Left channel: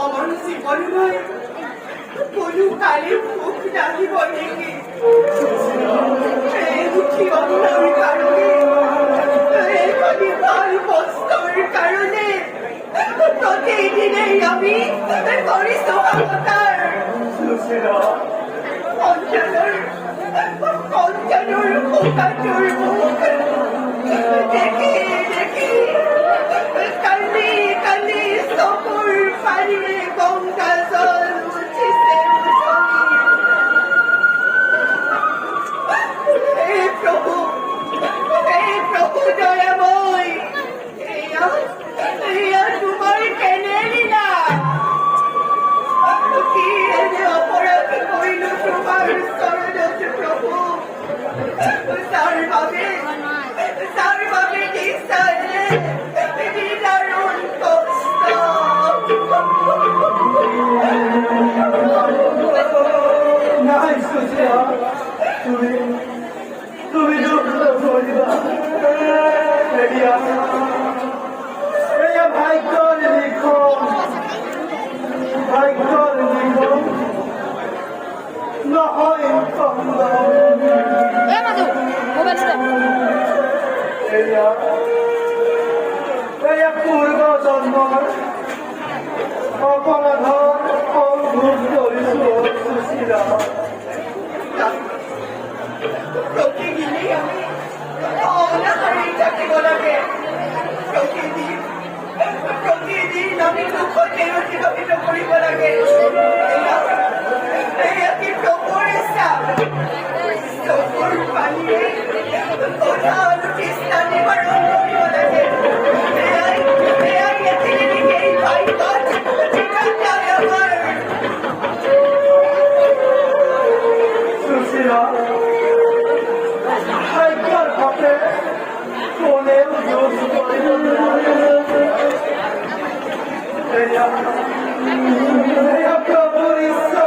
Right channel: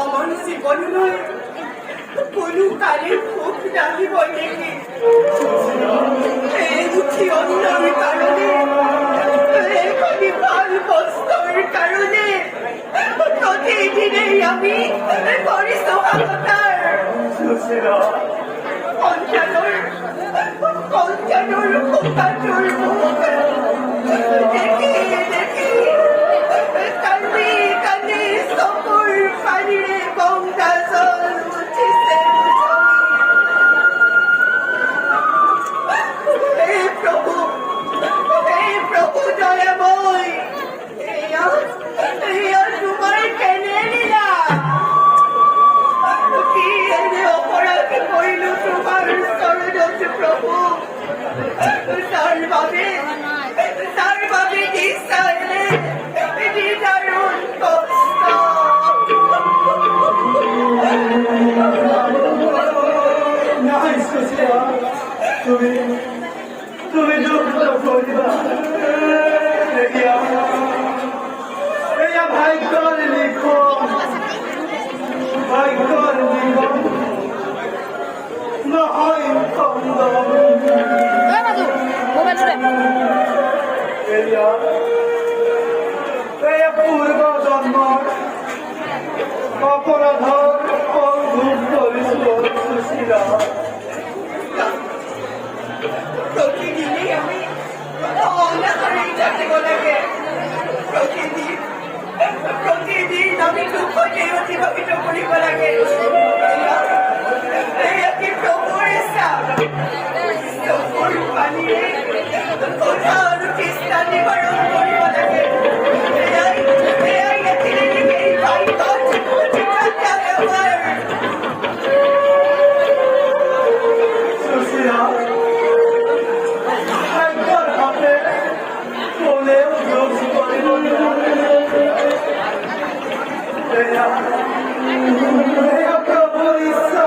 আমার জীবন নয় কোনো কালে খুব ডাকিব দেখি এই দুঃখী অন্যার কারণে এই কবিতার বস্তবের কারণে প্রতিদিনেই আমি করি সোহাগতার পঞ্চানোর খোকাচোর মুখ দেখি দেখি কালি কালি সকল পানিরে গঙ্গা জল উঠিছে হে প্রভু দয়াময় তোমার কেনে লীলা কি এনে অপরাধ করিল তোমার সরণত প্রভু তার ভাবে দিশালে দিদারুণ কষ্ট নাই সুশীলা তুমি দুঃখ করবা ভাগ্যর লিখন ভাগ্যর নিবন নহয় পূর্ব জন্মৰ অপৰাধৰ অভূত কৰিছো সুশীলা প্রতিদিনই আমি অনাহারে কাটিব লাগে প্রতিদিন আমি দুঃখ অতিবাহিত করিব লাগে প্রভুর ইচ্ছা প্রভুর পানীয়ে কোথাও চেষ্টা নিবারণ করিব লাগে এয়াই নাছিলে এই ভাইগত সুশীলা ভাগ্যৰ হাতে কোনেও যোগ কৰিব প্রভুর ইচ্ছা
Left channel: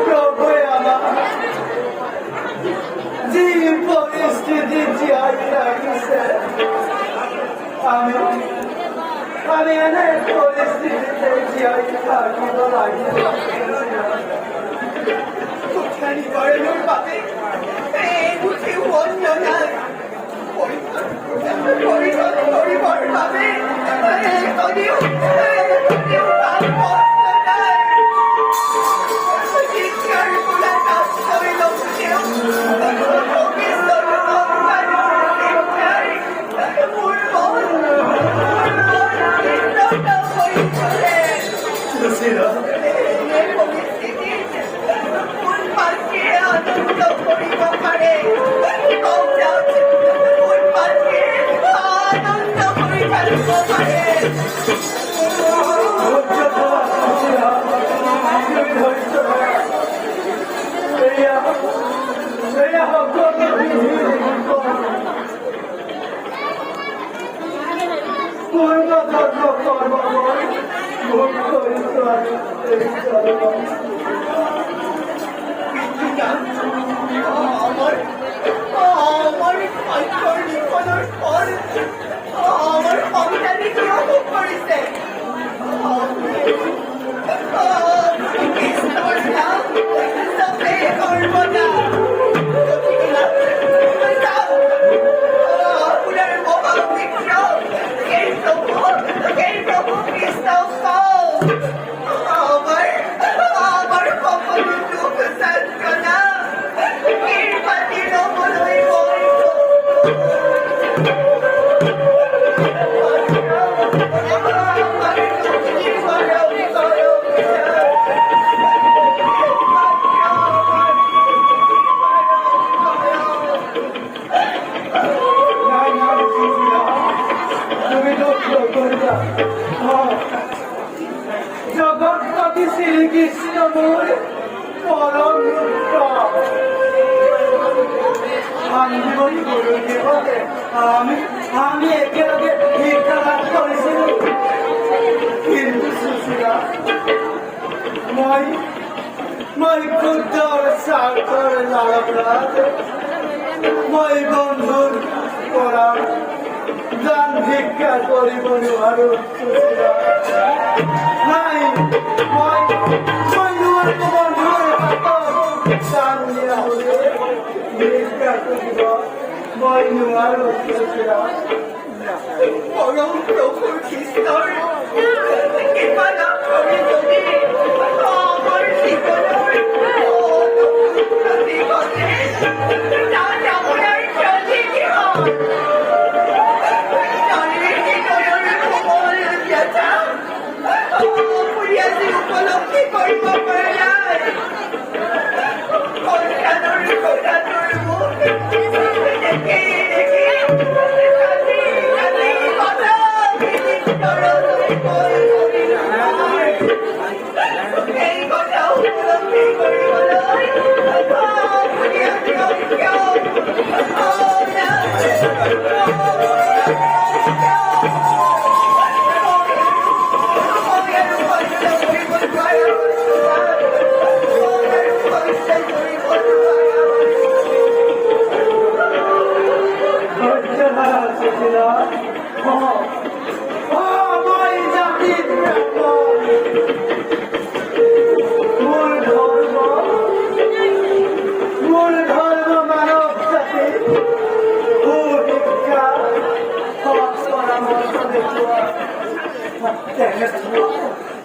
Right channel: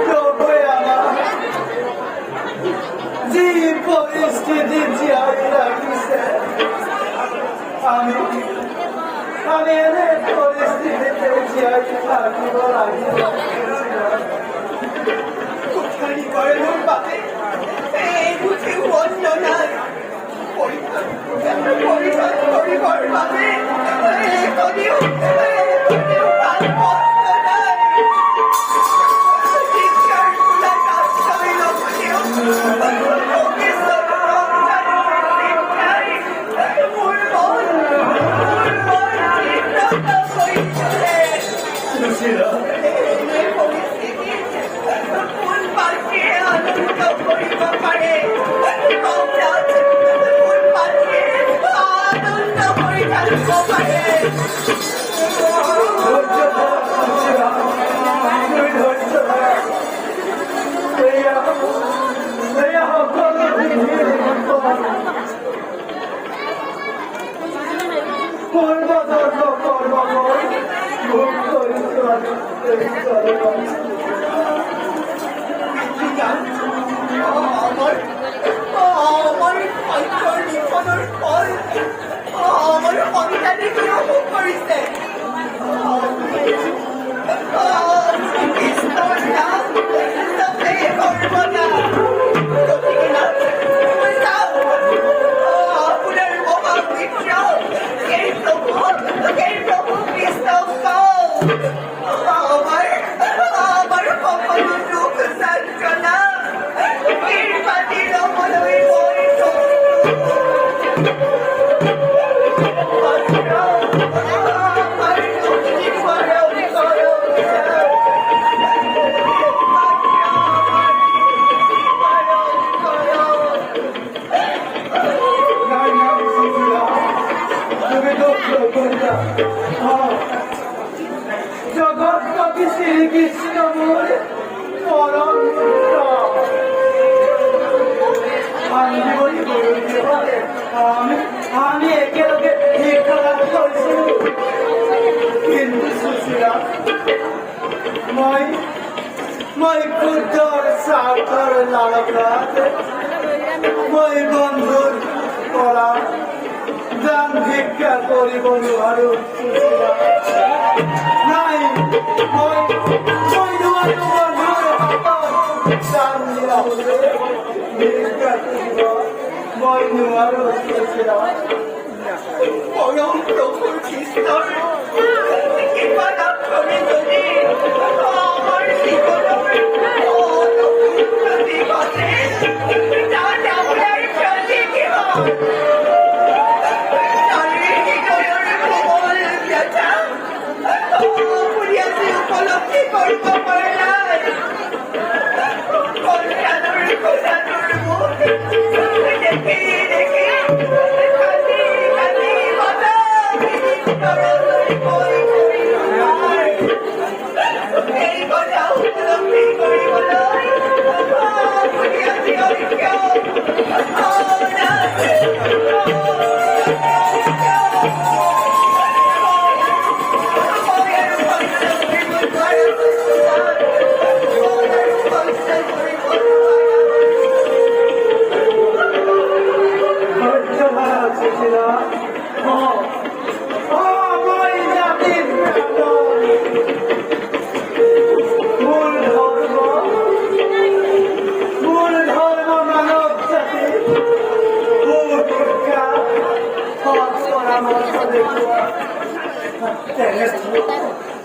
প্রভুই আমার যে পরিস্থিতি জিয়াই রাখিছে আমি এনে পরিস্থিতিতে জিয়াই থাকিব লাগিব কুঠারি করণের পাতে বুঝে অন্য নাই পরিবার পাবে আমার সন্তানে কিরকম করেছে করবো না আপনার এই প্রভু কৃষ্ণ আমার কখনো দুঃখ সান্ত্বনা জগৎপতি শ্রীকৃষ্ণ মূল পরম আমি একেলগে নিগ্রহ করেছিল কিন্তু সুশীলা মই ক্ষুদ্র স্বার্থর লালনাথ মই বন্ধুর করা দান ভিক্ষা করিব নোৱাৰো Sushila Này, mọi người còn người học sang nhiều người cả tôi có mọi người ở đây đó. Mọi ông cũng không chỉ tôi. Cái mà nó không nên tôi đi. Con gì có lỗi. Tôi gì có thế. Cháu cháu đây cho gì kia. Cháu đi thì tôi ở đây không có nhà cháu. Tôi đi siêu có lỗi thì tôi có phải lại. Con ra tôi bố. Để kia.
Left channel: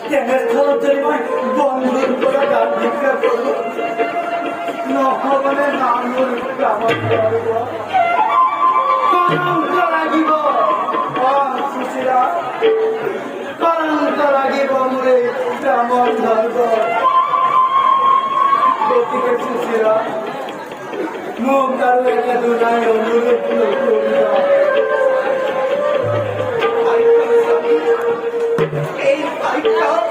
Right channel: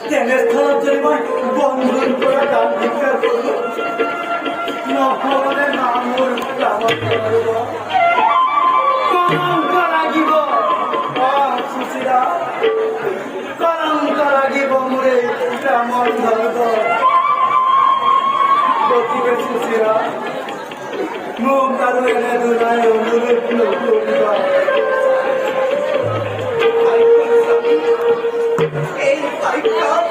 Tengah thơ chơi với vòng hơn của các bạn những cái nó không có làm người cả một người đó không có lagi bo sisira không có lagi bo mure cả một người đó boti cái sisira mồm caro này đồ này người đó Phải không?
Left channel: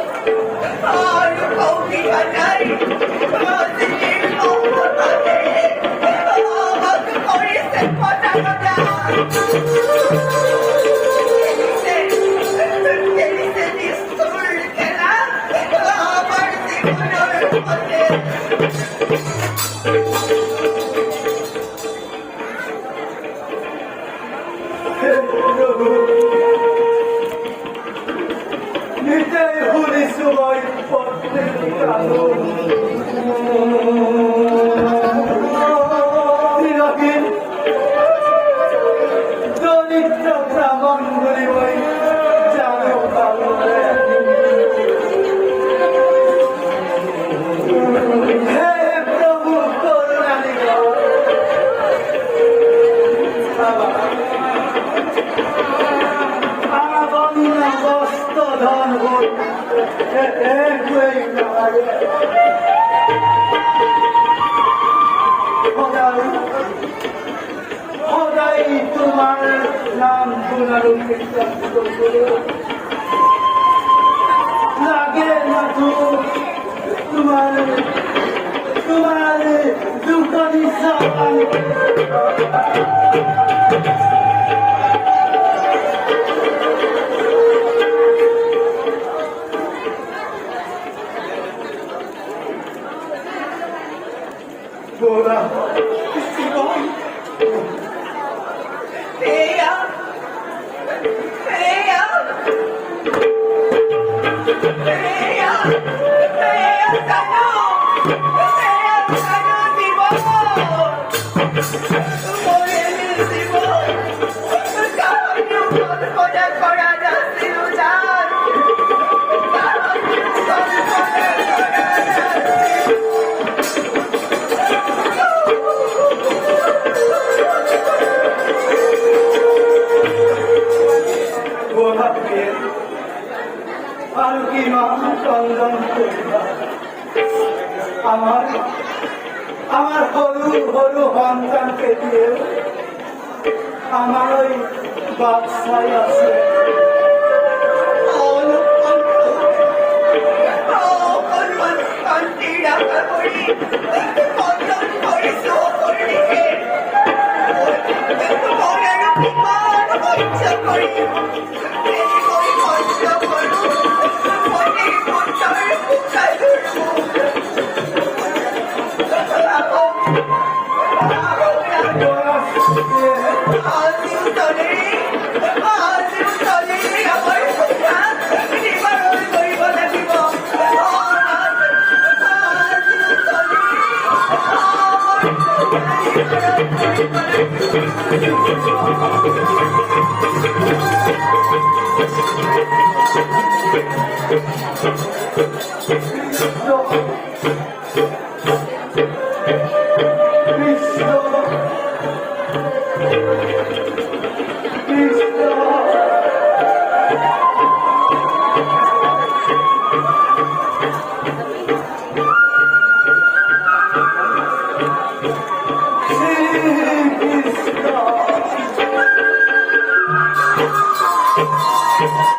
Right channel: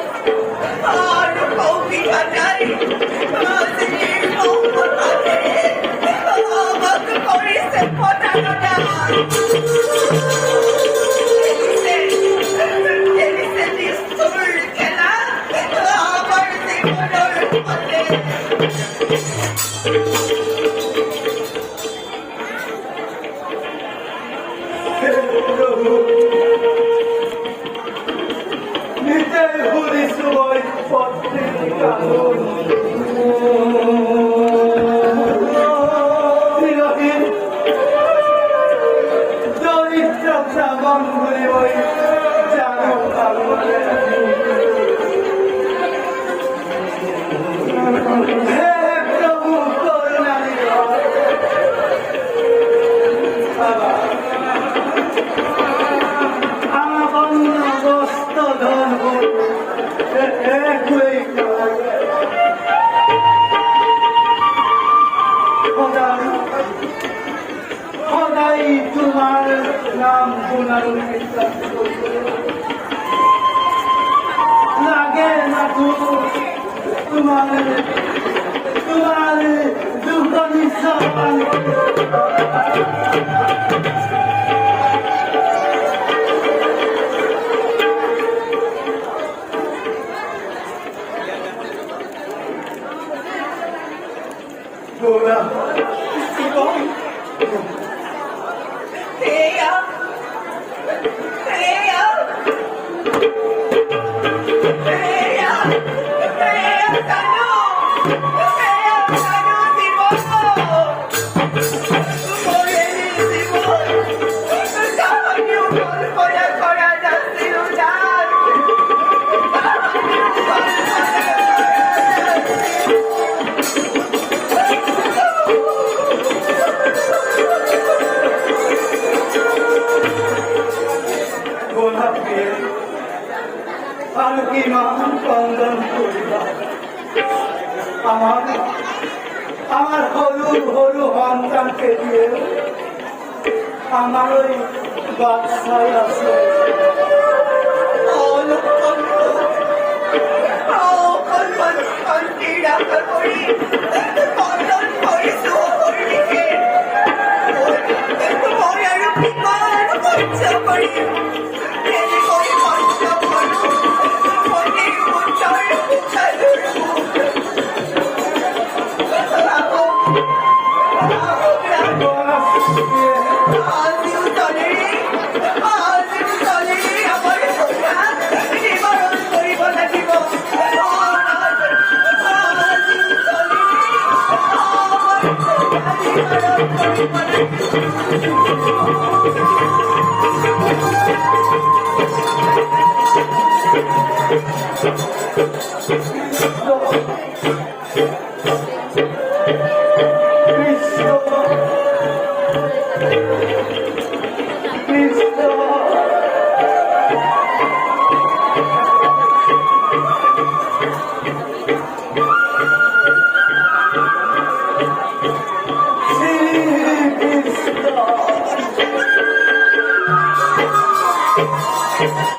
Nó không bị ở đây. Xin đi không có tại thế. Mất cái con đi xin có ra nó ra. Elise đi sủi cái lá. Mất gì có đâu có thể. আমার হলু হলু সন্তানকে দিয়ে আমার ওই বাচ্চাই আছে